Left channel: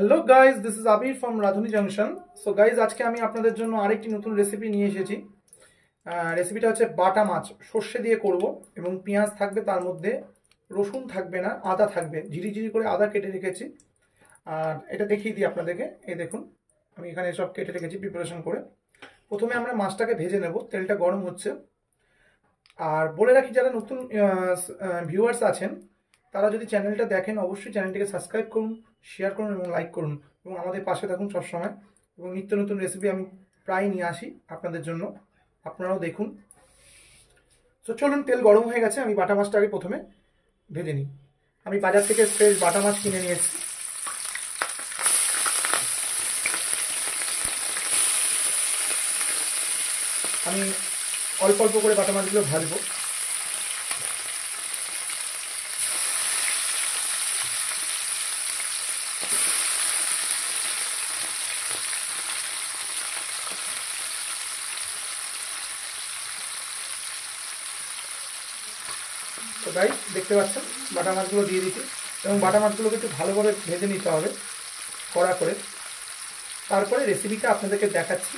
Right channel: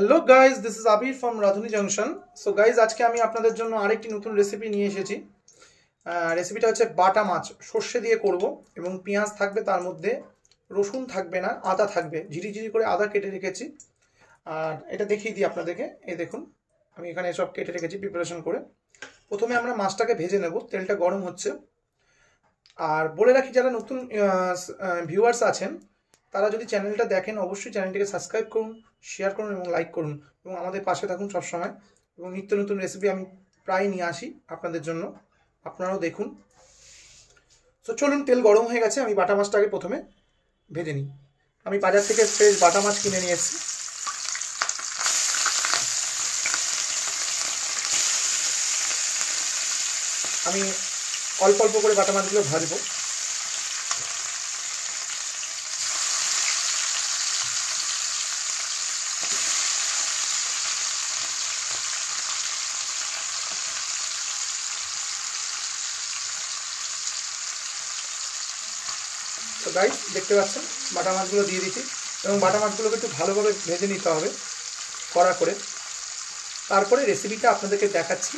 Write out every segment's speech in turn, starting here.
Hello guys, this is Abir from Radhuni junction. So guys, আজকে আমি আপনাদের জন্য আরেকটি নতুন রেসিপি নিয়ে এসেছি। রেসিপিটা হচ্ছে বাটা মাছ সর্ষে দিয়ে করব এবং পেঁয়াজ থাকবে, তার মধ্যে রসুন থাকবে না, আদা থাকবে। ঝিরিঝিরি করে আদা কেটে রেখেছি। আর এটা দেখিয়ে দিই আপনাদেরকে। এই দেখুন, আমি এখানে সব কেটে রেখেছি প্রিপারেশন করে। প্রথমে আমরা মাছটাকে ভেজে নেব, তেলটা গরম হচ্ছে। আর বলে রাখি, যারা নতুন ভিউয়ার্স আছেন তারা যদি চ্যানেলটা দেখেন, অবশ্যই চ্যানেলটিকে সাবস্ক্রাইব করুন, শেয়ার করুন এবং লাইক করুন এবং আমাদের পাশে থাকুন সবসময়। এবং নিত্য নতুন রেসিপি আমি প্রায় নিয়ে আসি আপনাদের জন্য, আপনারাও দেখুন। তো চলুন, তেল গরম হয়ে গেছে, আমি বাটা মাছটাকে প্রথমে ভেজে নিই। আমি বাজার থেকে ফ্রেশ বাটা মাছ কিনে নিয়ে এসেছি। আমি অল্প অল্প করে বাটা মাছগুলো ভাজবো। তো গাইস, দেখতে পাচ্ছেন বাটা মাছগুলো দিয়ে দিচ্ছি এবং বাটা মাছগুলোকে একটু ভালোভাবে ভেজে নিতে হবে কড়া করে। তারপরে রেসিপিটা আপনাদেরকে দেখাচ্ছি।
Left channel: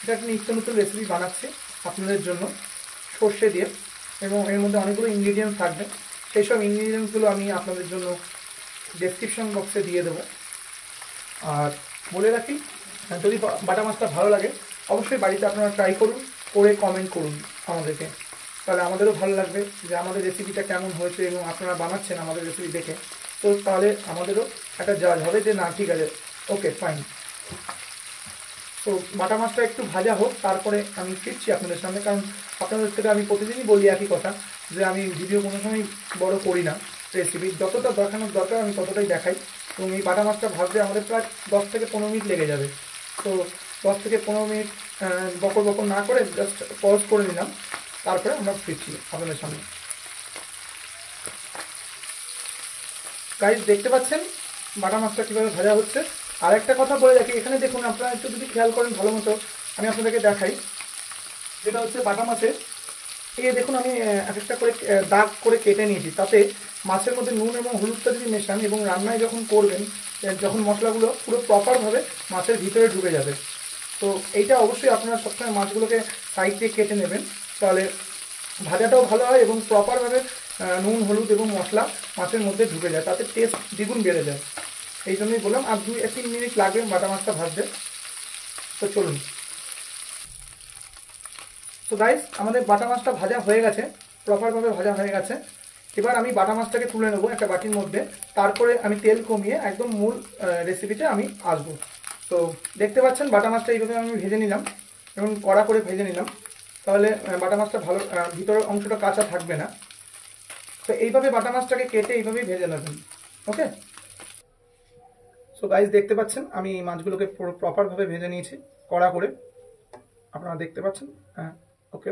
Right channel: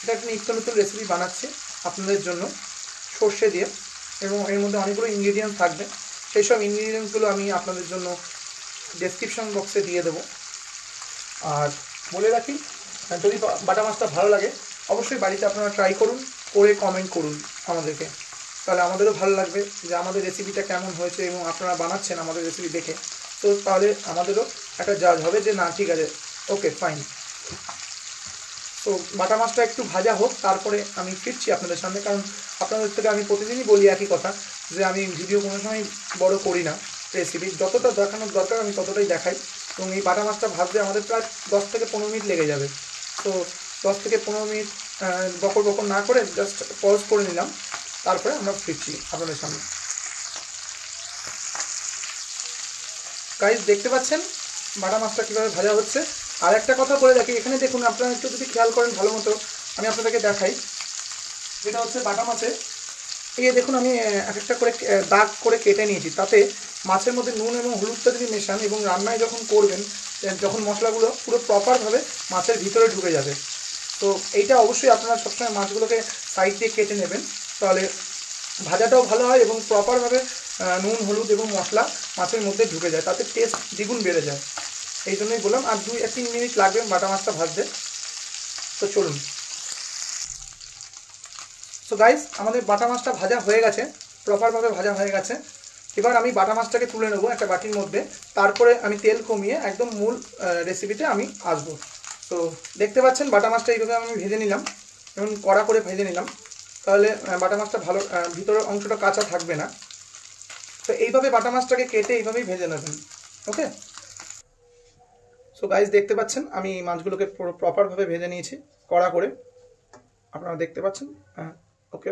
এটা একটা নিত্য নতুন রেসিপি বানাচ্ছি আপনাদের জন্য সর্ষে দিয়ে, এবং এর মধ্যে অনেকগুলো ইনগ্রিডিয়েন্টস থাকবে। সেই সব ইনগ্রিডিয়েন্টসগুলো আমি আপনাদের জন্য ডেসক্রিপশন বক্সে দিয়ে দেবো। আর বলে রাখি, যদি বাটা মাছটা ভালো লাগে অবশ্যই বাড়িতে আপনারা ট্রাই করুন, করে কমেন্ট করুন আমাদেরকে। তাহলে আমাদেরও ভালো লাগবে যে আমাদের রেসিপিটা কেমন হয়েছে এবং আপনারা বানাচ্ছেন আমাদের রেসিপি দেখে। তো তাহলে আমাদেরও একটা জাজ হবে যে না, ঠিক আছে, ওকে ফাইন। তো বাটা মাছটা একটু ভাজা হোক, তারপরে আমি ফিরছি আপনাদের সামনে। কারণ আপনাদের থেকে আমি প্রতিদিনই বলি একই কথা, যে আমি ভিডিও কোনো সময় বড় করি না। রেসিপি যতটা দেখানোর দরকার আমি ততটাই দেখাই। এবং এই বাটা মাছটা ভাজতে আমাদের প্রায় 10 থেকে 15 মিনিট লেগে যাবে। তো 10 থেকে 15 মিনিট বকর বকর না করে জাস্ট পজ করে নিলাম, তারপরে আমরা ফিরছি আপনাদের সামনে। গাইস, দেখতে পাচ্ছেন বাটা মাছটা কীভাবে ভাজা হচ্ছে। আর একটা কথা বলে রাখি, এখানে দেখুন, আপনারা একটু যদি খেয়াল করেন ভালো মতো, আমি আপনাদেরকে দেখাই। যেটা হচ্ছে বাটা মাছের, এই দেখুন আমি এক একটা করে দাগ করে কেটে নিয়েছি। তাতে মাছের মধ্যে নুন এবং হলুদটা যদি মেশান এবং রান্নায় যখন করবেন, যখন মশলাগুলো পুরো প্রপারভাবে মাছের ভিতরে ঢুকে যাবে। তো এইটা অবশ্যই আপনারা সবসময় মাছগুলোকে সাইড দিয়ে কেটে নেবেন, তাহলে ভাজাটাও ভালো হয় এবং প্রপারভাবে নুন হলুদ এবং মশলা মাছের মধ্যে ঢুকে যায়, তাতে টেস্ট দ্বিগুণ বেড়ে যায়। এই জন্যই বললাম। আর 2-3 মিনিট লাগবে বাটা মাছটা ভাজতে। তো চলুন। তো গাইস, আমাদের বাটা মাছটা ভাজা হয়ে গেছে, প্রপারভাবে ভাজা হয়ে গেছে। এবার আমি বাটা মাছটাকে তুলে নেবো একটা বাটির মধ্যে। তারপরে আমি তেল কমিয়ে একদম মূল রেসিপিতে আমি আসবো। তো দেখতে পাচ্ছেন বাটা মাছটা এইভাবে আমি ভেজে নিলাম এবং কড়া করে ভেজে নিলাম। তাহলে বাটা মাছটা ভালো, ভিতরের অংশটা কাঁচা থাকবে না। তো এইভাবে বাটা মাছটাকে কেটে এইভাবেই ভেজে নেবেন। ওকে। সো গাইস, দেখতে পাচ্ছেন আমি মাছগুলোকে প্রপারভাবে ভেজে নিয়েছি কড়া করে, আপনারা দেখতে পাচ্ছেন। হ্যাঁ, ওকে।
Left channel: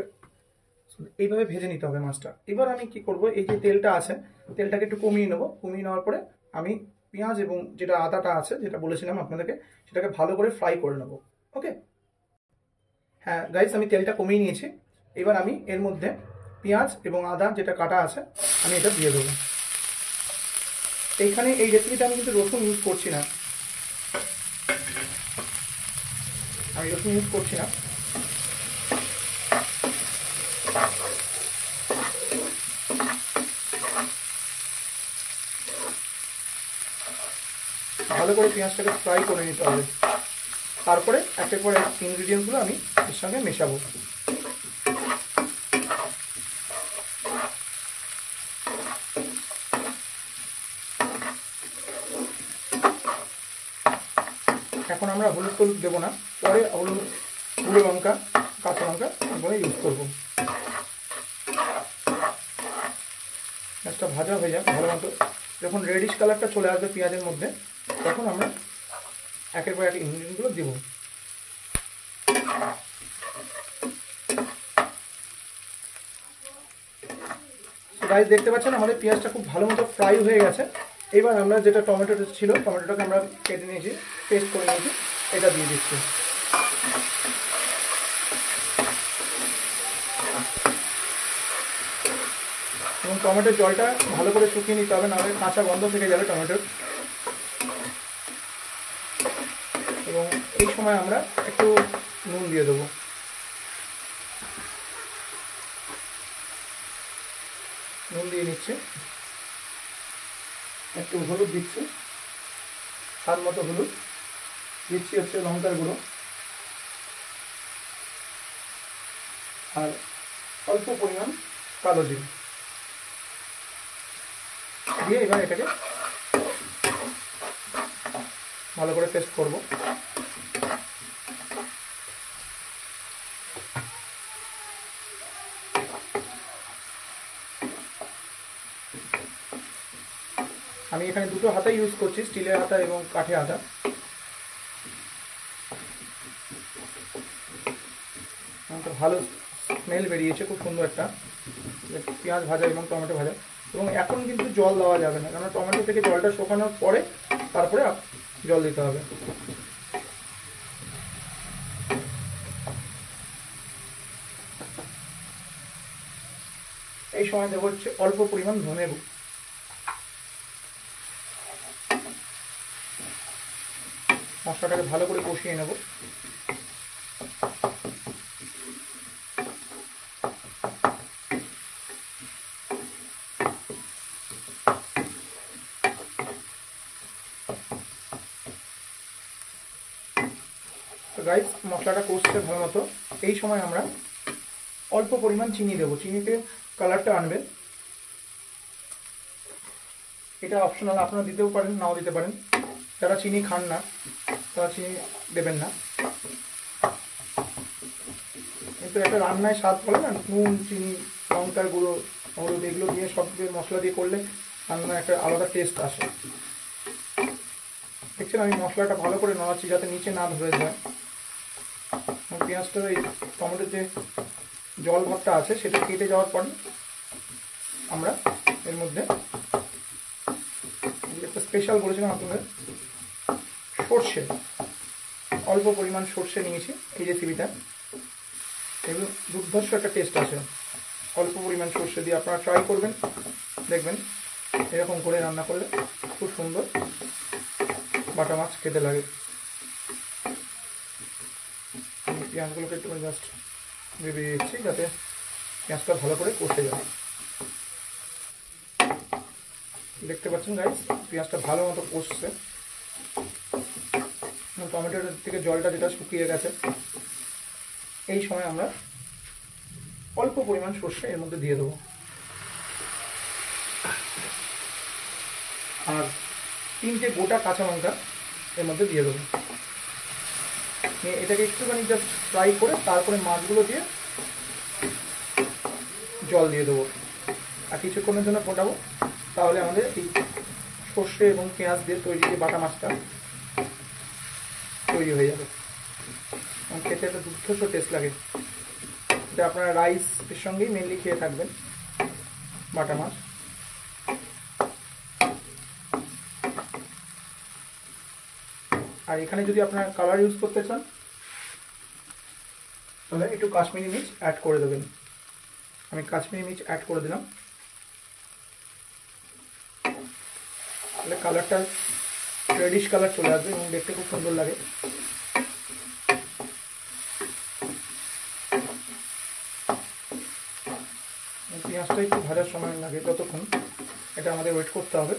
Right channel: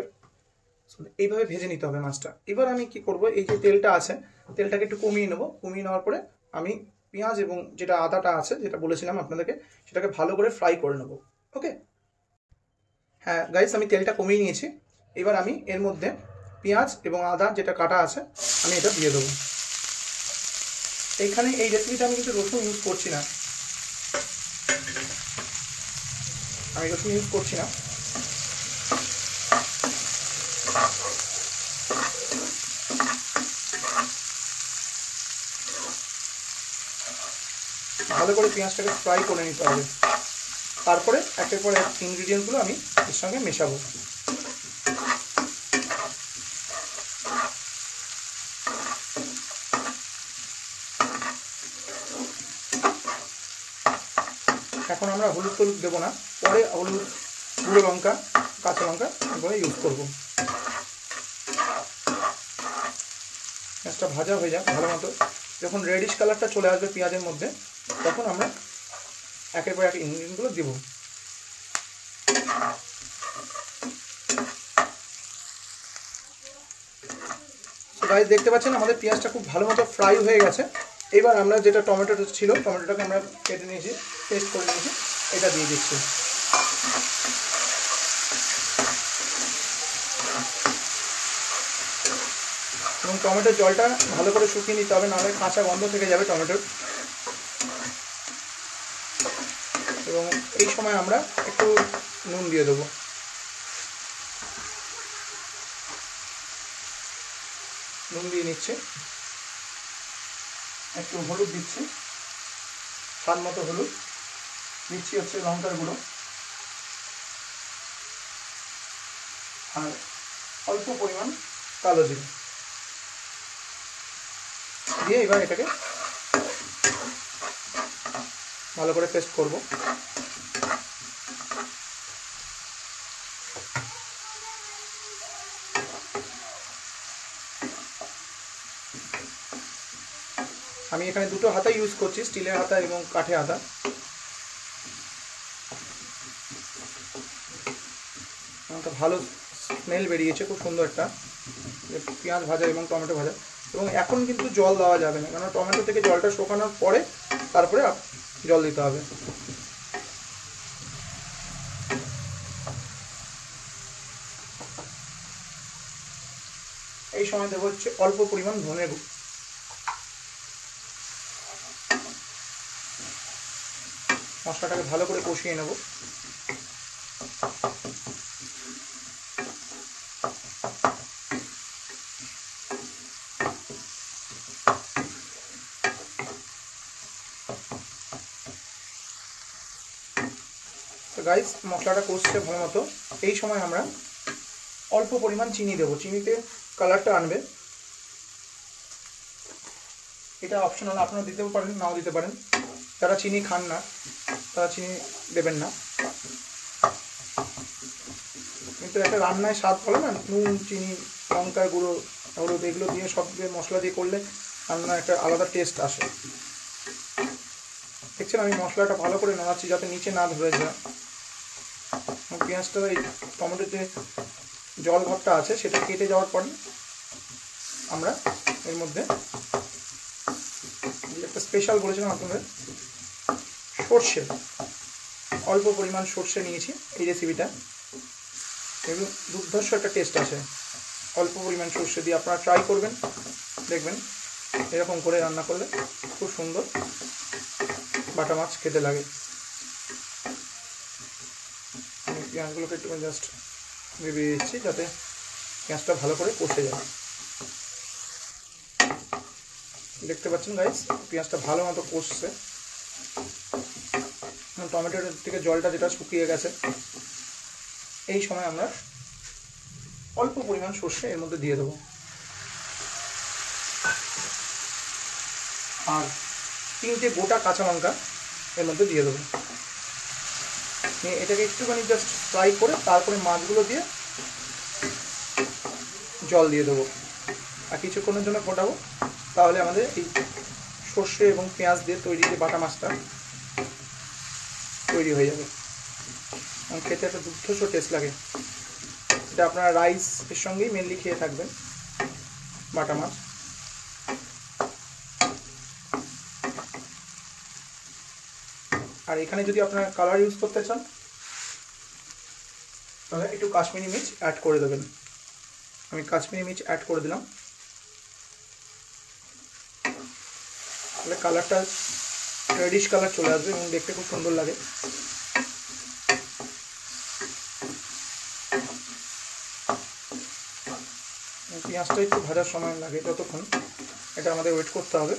এইভাবে ভেজে নিতে হবে মাছটা। এবার আমি কি করব, এই যে তেলটা আছে, তেলটাকে একটু কমিয়ে নেব। কমিয়ে নেওয়ার পরে আমি পেঁয়াজ এবং যেটা আদাটা আছে, যেটা বলেছিলাম আপনাদেরকে, সেটাকে ভালো করে ফ্রাই করে নেব। ওকে। হ্যাঁ গাইস, আমি তেলটা কমিয়ে নিয়েছি। এবার আমি এর মধ্যে পেঁয়াজ এবং আদা যেটা কাটা আছে, আমি এটা দিয়ে দেবো। এইখানে এই রেসিপিটা আমি কিন্তু রসুন ইউজ করছি না, আমি রসুন ইউজ করছি না। ভালো করে পেঁয়াজটাকে ফ্রাই করে নিতে হবে। তারপরে একের পর এক ইনগ্রিডিয়েন্টসগুলো আমি এর সঙ্গে মেশাবো। এখন আমরা হলুদ টলুদ দেবো না, পরে হলুদ, গুঁড়ো লঙ্কা, কাঁচা লঙ্কা এরপরে ইউজ করবো। পেঁয়াজটা ভাজা হয়ে যাক ভালো মতো। যখন রেডিশ কালারটা চলে আসবে পেঁয়াজের মধ্যে, তখন আমরা একের পর এক ইনগ্রিডিয়েন্টগুলো দেবো। গাইস, দেখতে পাচ্ছেন আমাদের পেঁয়াজটা খুব ভালো মতো ফ্রাই হয়ে গেছে। এবার আমরা যেটা টমেটোটা ছিল, টমেটোটাকে আমরা কেটে নিয়েছি, পেস্ট করে নিয়েছি, এটা দিয়ে দিচ্ছি। এবং টমেটোর জলটা ভালো করে শুকিয়ে নিতে হবে, নাহলে কাঁচা গন্ধ থেকে যাবে টমেটোর। এবং এই সময় আমরা একটু নুন দিয়ে দেবো। নুন দিয়ে নিচ্ছে, একটু হলুদ দিচ্ছি, স্বাদ মতো হলুদ দিচ্ছি, হচ্ছে লঙ্কার গুঁড়ো, আর অল্প পরিমাণ কালো জিরে দিয়ে এবার এটাকে ভালো করে পেস্ট করব। আমি এখানে দুটো হাতা ইউজ করছি, স্টিলের হাতা এবং কাঠের হাতা। ভালো স্মেল বেরিয়েছে, খুব সুন্দর একটা পেঁয়াজ ভাজা এবং টমেটো ভাজা। এবং এখন কিন্তু জল দেওয়া যাবে না, কারণ টমেটো থেকে জলটা শুকানোর পরে তারপরে জল দিতে হবে। এই সময় দেবো হচ্ছে অল্প পরিমাণ ধনে গুঁড়ো। মশলাটাকে ভালো করে কষিয়ে নেব। তো গাইস, মশলাটা কষছে ভালো মতো। এই সময় আমরা অল্প পরিমাণ চিনি দেবো, চিনিতে কালারটা আনবে। এটা অপশনাল, আপনারা দিতেও পারেন, নাও দিতে পারেন। যারা চিনি খান না তারা চিনি দেবেন না, কিন্তু একটা রান্নায় স্বাদ বলে না, নুন, চিনি, লঙ্কার গুঁড়ো, হলুদ, এগুলো দিয়ে সব মশলা দিয়ে করলে রান্নার একটা আলাদা টেস্ট আসে। দেখছেন আমি মশলাটা ভালো করে নাড়াচ্ছি যাতে নিচে না ধরে যায়। পেঁয়াজটা এই টমেটোর যে জল ভাবটা আছে সেটা কেটে যাওয়ার পর আমরা এর মধ্যে একটা স্পেশাল বলেছিলাম আপনাদের, সর্ষে, অল্প পরিমাণ সর্ষে নিয়েছি এই রেসিপিটা। এবং দুর্ধর্ষ একটা টেস্ট আছে অল্প পরিমাণ সর্ষে দিয়ে। আপনারা ট্রাই করবেন, দেখবেন এরকম করে রান্না করলে খুব সুন্দর বাটা মাছ খেতে লাগে। আমি পেঁয়াজগুলোকে একটু জাস্ট ভেবে দিচ্ছি যাতে পেঁয়াজটা ভালো করে কষে যায়। দেখতে পাচ্ছেন গাইস, পেঁয়াজটা ভালো মতো কষছে, টমেটোর থেকে জলটা যেটা শুকিয়ে গেছে। এই সময় আমরা অল্প পরিমাণ সর্ষে এর মধ্যে দিয়ে দেবো, আর 3টে গোটা কাঁচা লঙ্কা এর মধ্যে দিয়ে দেবো। এটাকে একটুখানি জাস্ট ফ্রাই করে তারপরে মাছগুলো দিয়ে জল দিয়ে দেবো আর কিছুক্ষণের জন্য ফোটাবো। তাহলে আমাদের এই সর্ষে এবং পেঁয়াজ দিয়ে তৈরি যে বাটা মাছটা তৈরি হয়ে যাবে এবং খেতে একটা দুর্ধর্ষ টেস্ট লাগে। এটা আপনারা রাইস এর সঙ্গেই মেনলি খেয়ে থাকবেন বাটা মাছ। আর এখানে যদি আপনারা কালার ইউজ করতে চান তাহলে একটু কাশ্মীরি মির্চ অ্যাড করে দেবেন। আমি কাশ্মীরি মির্চ অ্যাড করে দিলাম, তাহলে কালারটা রেডিশ কালার চলে আসবে এবং দেখতে খুব সুন্দর লাগে। পেঁয়াজটা একটু ভাজার সময় লাগে, ততক্ষণ এটা আমাদের ওয়েট করতে হবে।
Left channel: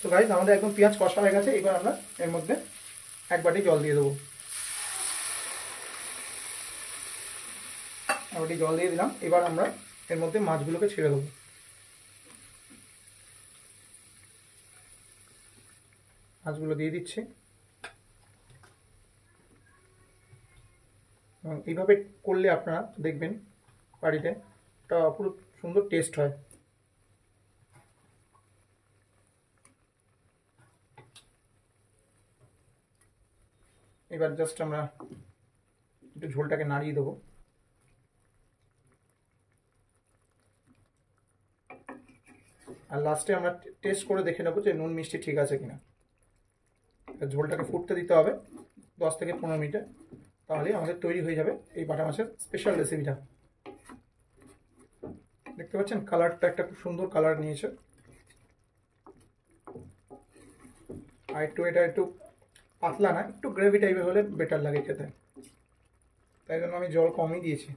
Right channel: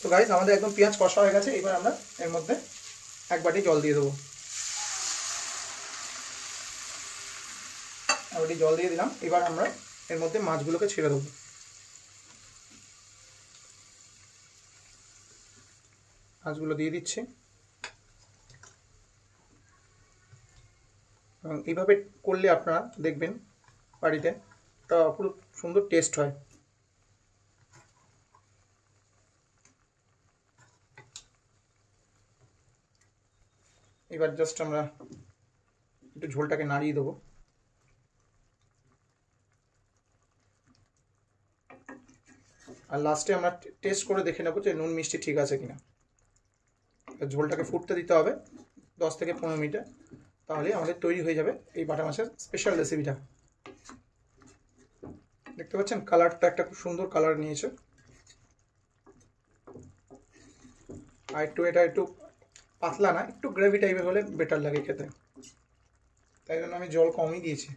তো গাইস, আমাদের একদম পেঁয়াজ কষা হয়ে গেছে। এবার আমরা এর মধ্যে 1 বাটি জল দিয়ে দেবো। 1 বাটি জল দিয়ে দিলাম। এবার আমরা এর মধ্যে মাছগুলোকে ছেড়ে দেবো। মাছগুলো দিয়ে দিচ্ছি এবং এইভাবে করলে আপনারা দেখবেন বাড়িতে একটা অপরূপ সুন্দর টেস্ট হয়। এবার জাস্ট আমরা একটু ঝোলটাকে নাড়িয়ে দেবো। আর লাস্টে আমরা টেস্ট করে দেখে নেবো যে নুন মিষ্টি ঠিক আছে কিনা। ঝোলটাকে ফুটতে দিতে হবে 10 থেকে 15 মিনিটে, তাহলে আমাদের তৈরি হয়ে যাবে এই বাটা মাছের স্পেশাল রেসিপিটা। দেখতে পাচ্ছেন কালারটা একটা খুব সুন্দর কালার নিয়েছে। আর এটা একটু পাতলা না, একটু গ্রেভি টাইপের হলে বেটার লাগে খেতে, তাই জন্য আমি জল কমই দিয়েছি।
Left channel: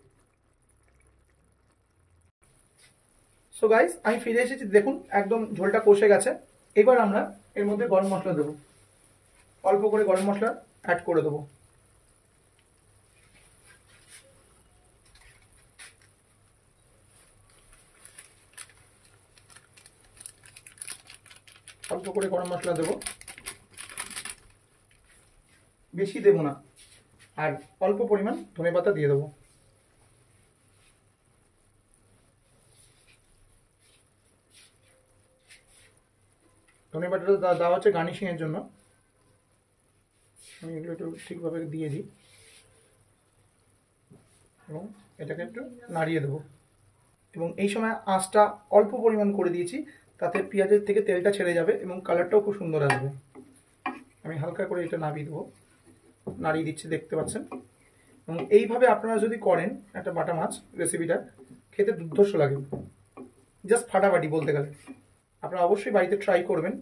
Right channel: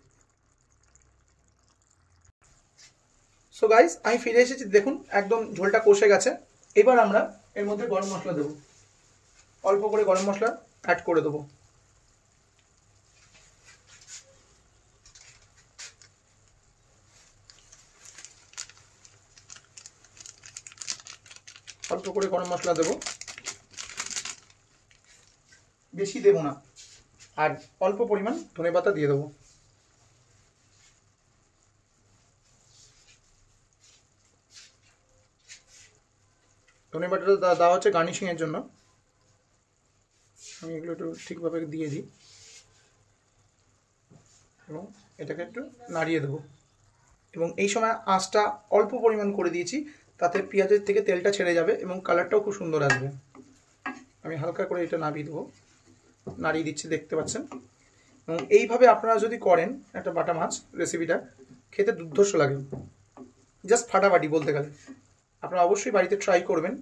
সো গাইস, আমি ফিরে এসেছি, দেখুন একদম ঝোলটা কষে গেছে। এবার আমরা এর মধ্যে গরম মশলা দেবো, অল্প করে গরম মশলা অ্যাড করে দেবো। অল্প করে গরম মশলা দেবো, বেশি দেবো না। আর অল্প পরিমাণ ধনেপাতা দিয়ে দেবো। ধনেপাতাটা দেওয়া হচ্ছে গার্নিশিংয়ের জন্য। আমি এগুলো একটু ঠিকভাবে দিয়ে দিই এবং এটাকে একটু নাড়িয়ে দেবো। এবং এই সময় আঁচটা অল্প পরিমাণ করে দিয়েছি, তাতে পেঁয়াজের থেকে তেলটা ছেড়ে যাবে এবং কালারটাও খুব সুন্দর আসবে। আমি হালকা করে এটা নাড়িয়ে দেবো, নাড়িয়ে দিচ্ছি, দেখতে পাচ্ছেন। এবং এইভাবে আপনারা যদি করেন একটা বাটা মাছ রেসিপিটা, খেতে দুর্ধর্ষ লাগে, জাস্ট ফাটাফাটি বলতে গেলে। আপনারা অবশ্যই বাড়িতে ট্রাই করবেন।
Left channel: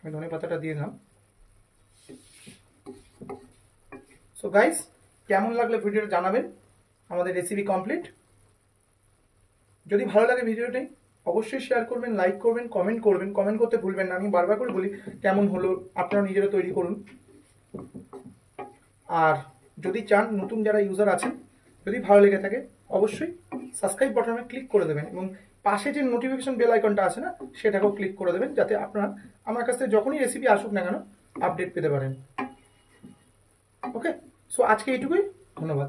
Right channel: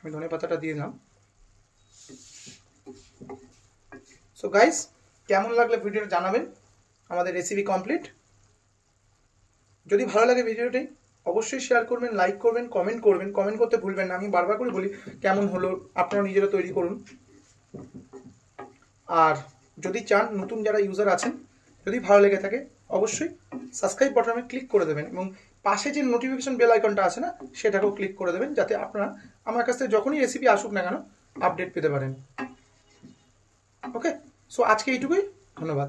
আমি ধনে পাতাটা দিয়ে দিলাম। সো গাইস, কেমন লাগলে ভিডিওটা জানাবেন। আমাদের রেসিপি কমপ্লিট। যদি ভালো লাগে ভিডিওটি অবশ্যই শেয়ার করবেন, লাইক করবেন, কমেন্ট করবেন। কমেন্ট করতে ভুলবেন না, আমি বারবার করে বলি কেমন হলো, আপনারা নিজেরা তৈরি করুন। আর যদি চান, নতুন যারা ইউজার আছেন, যদি ভালো লেগে থাকে অবশ্যই সাবস্ক্রাইব বাটনে ক্লিক করে দেবেন এবং পাশে যে নোটিফিকেশন বেল আইকনটা আছে না, সেটাকেও ক্লিক করে দেবেন, যাতে আপনারা আমার কাছ থেকে যখনই রেসিপি আসুক না কেন আপডেট পেতে পারেন। ওকে, সো আজকে এইটুকুই, ধন্যবাদ।